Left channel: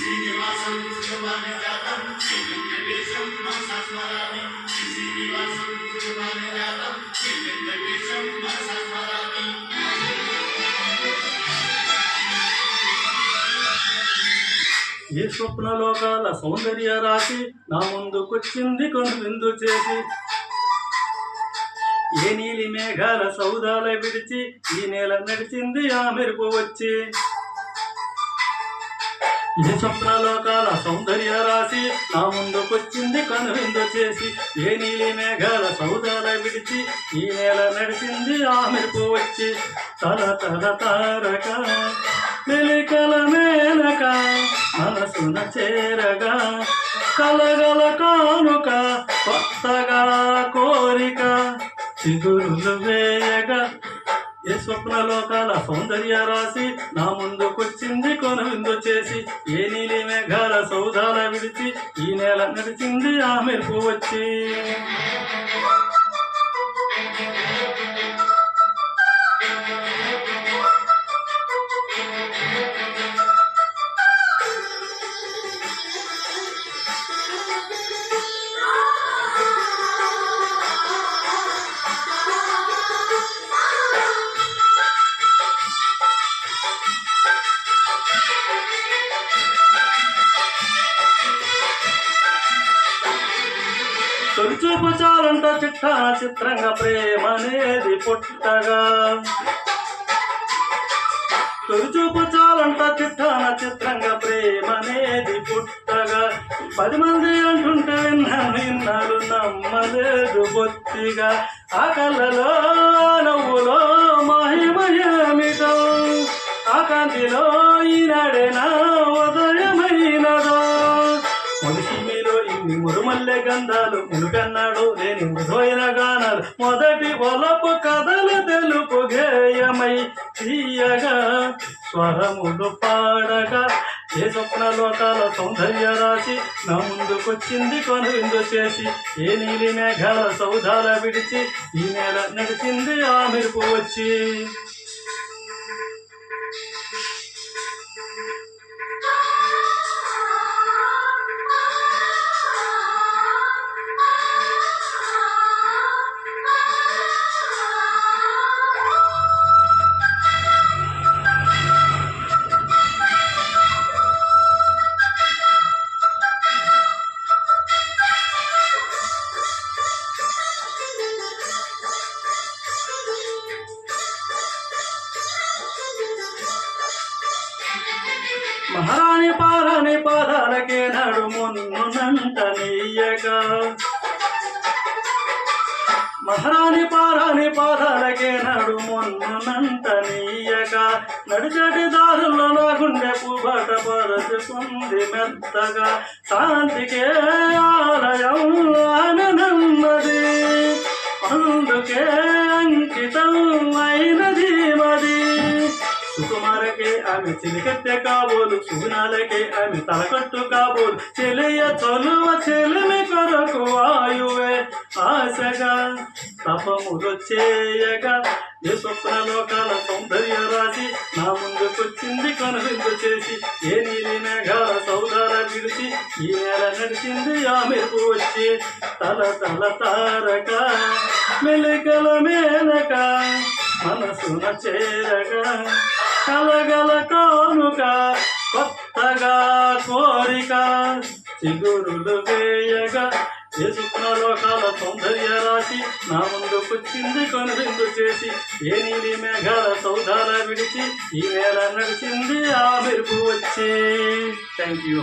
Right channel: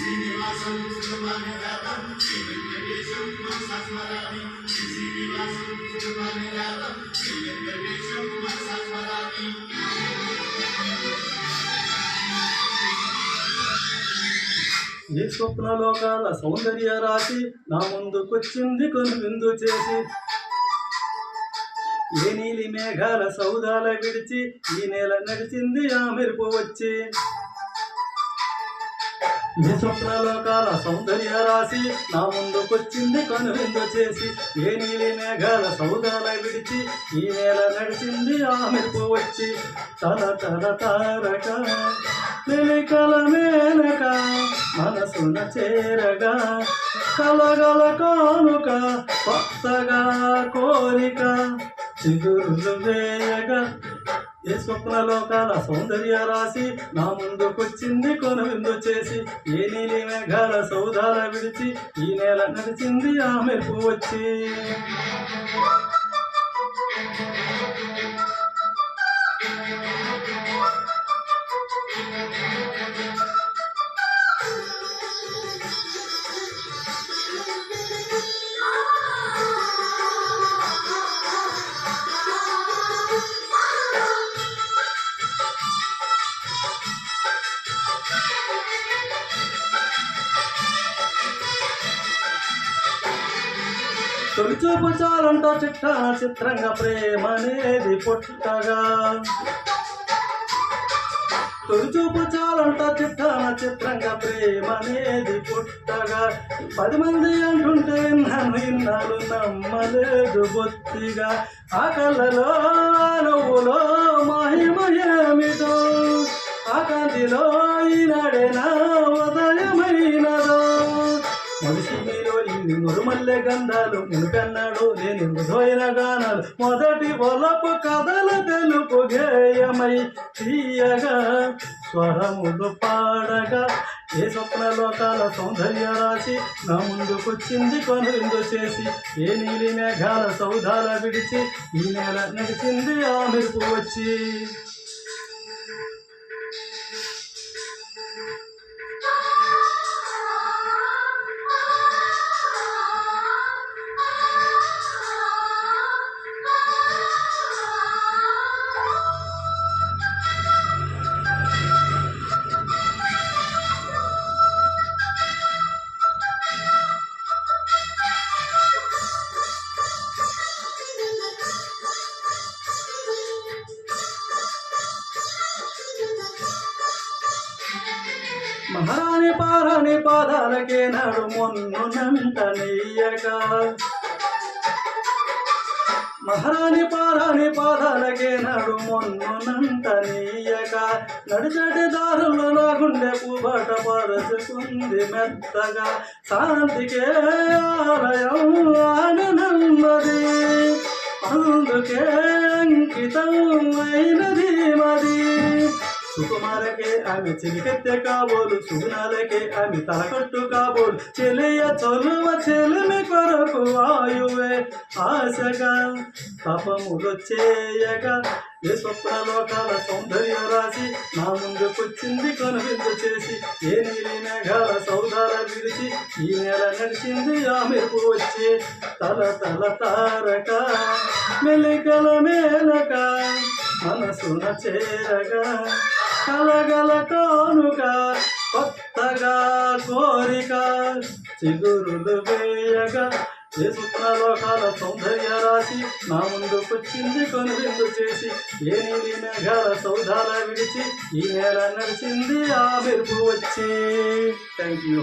శ్రీనివాసం సుమానిరాతం శ్రీ వెంకటేశం మనసా స్మరామి శ్రీనివాసం సుమానిరాతం శ్రీ వెంకటేశం మనసా స్మరామి. ఏ స్వప్నలోకాల సౌందర్య రాశి నా ముందుకొచ్చింది కనువిందు చేసి, ఏ నీలి మేఘాల సౌదాల విడిచి ఈ నేల నడిచింది ఆ మెరుపు వచ్చి. ఏ స్వప్నలోకాల సౌందర్య రాశి నా ముందుకొచ్చింది కనువిందు చేసి, ఏ నీలి మేఘాల సౌదాల విడిచి ఈ నేల నడిచింది ఆ మెరుపు వచ్చి. తల తల తారక మెలికల మేనక మనసున చేరగా కలగల కానుక కొత్తగా కోరిక చిగురులు వేయగా. ఏ స్వప్నలోకాల సౌందర్య రాశి నా ముందుకొచ్చింది కొనువిందు చేసి, ఏ నీలి మేఘాల సౌదాల విడిచి ఈ నేల నడిచింది ఆ మెరుపు వచ్చి. తొలిచూపు చాలంట చిట్టాన చిత్రంగా ప్రేమనేది పుట్టగా, తొలిచూపు చాలంట చిట్టాన చిత్రంగా ప్రేమనేది పుట్టగా. 10 మంది అంటుంటే విన్నాను నమ్మలేదు బొత్తిగా. ఆ కళ్ళలో నవ్వులో మహిమయేమిటో, ఆ కాంతిలో ఈనాడే నా ఉదయమైనదో. మొదటి మీలో ఇన్ని మురుమల్లె గంధాలు మునుపెన్నాడు లేని మృదువైన గానాలు, మొదటి ఒలపు కథలు తెలుపు గేయమై తీయగా స్వరములు పాడగా. ఏ స్వప్నలోకాల సౌందర్య రాశి నా ముందుకొచ్చింది కనువిందు చేసి, ఏ నీలి మేఘాల సౌదాల విడిచి ఈ నేల నడిచింది ఆ మెరుపు వచ్చి. మహారాణి పారాణి పాదాలకే నాడు మొన్నునంట నెయ్యగా, మహారాణి పారాణి పాదాలకే నాడు మొన్నునంట నెయ్యగా. నడిచటి దారుల్లో నా గుండె పూబాట పరుచుకుంది మెత్తగా. శాంతికే ఆలయం ఆమె నన్నది, అందుకే అంకితం అయినది మది. సుకుమారకే ఆమె చిలికెత్తె కాబోలు, సుగుణాలకే ఆమె తలకట్టు కాబోలు. చెలియ చొలువ చెలిమి కొరకు ఆయువే ఆశగా తపములు చేయగా. ఏ స్వప్నలోకాల సౌందర్య రాశి నా ముందుకొచ్చింది కనువిందు చేసి, ఏ నీలి మేఘాల సౌదాల విడిచి ఈ నేల నడిచింది ఆ మెరుపు వచ్చి. తల తల తారక మెలికల మేనక మనసున చేరగా కలగల కానుక కొత్తగా కోరిక చిగురులు వేయగా. ఏ స్వప్నలోకాల సౌందర్య రాశి నా ముందుకొచ్చింది కనువిందు చేసి, ఏ నీలి మేఘాల సౌదాల విడిచి ఈ నేల నడిచింది ఆ మెరుపు వచ్చి. Thank you.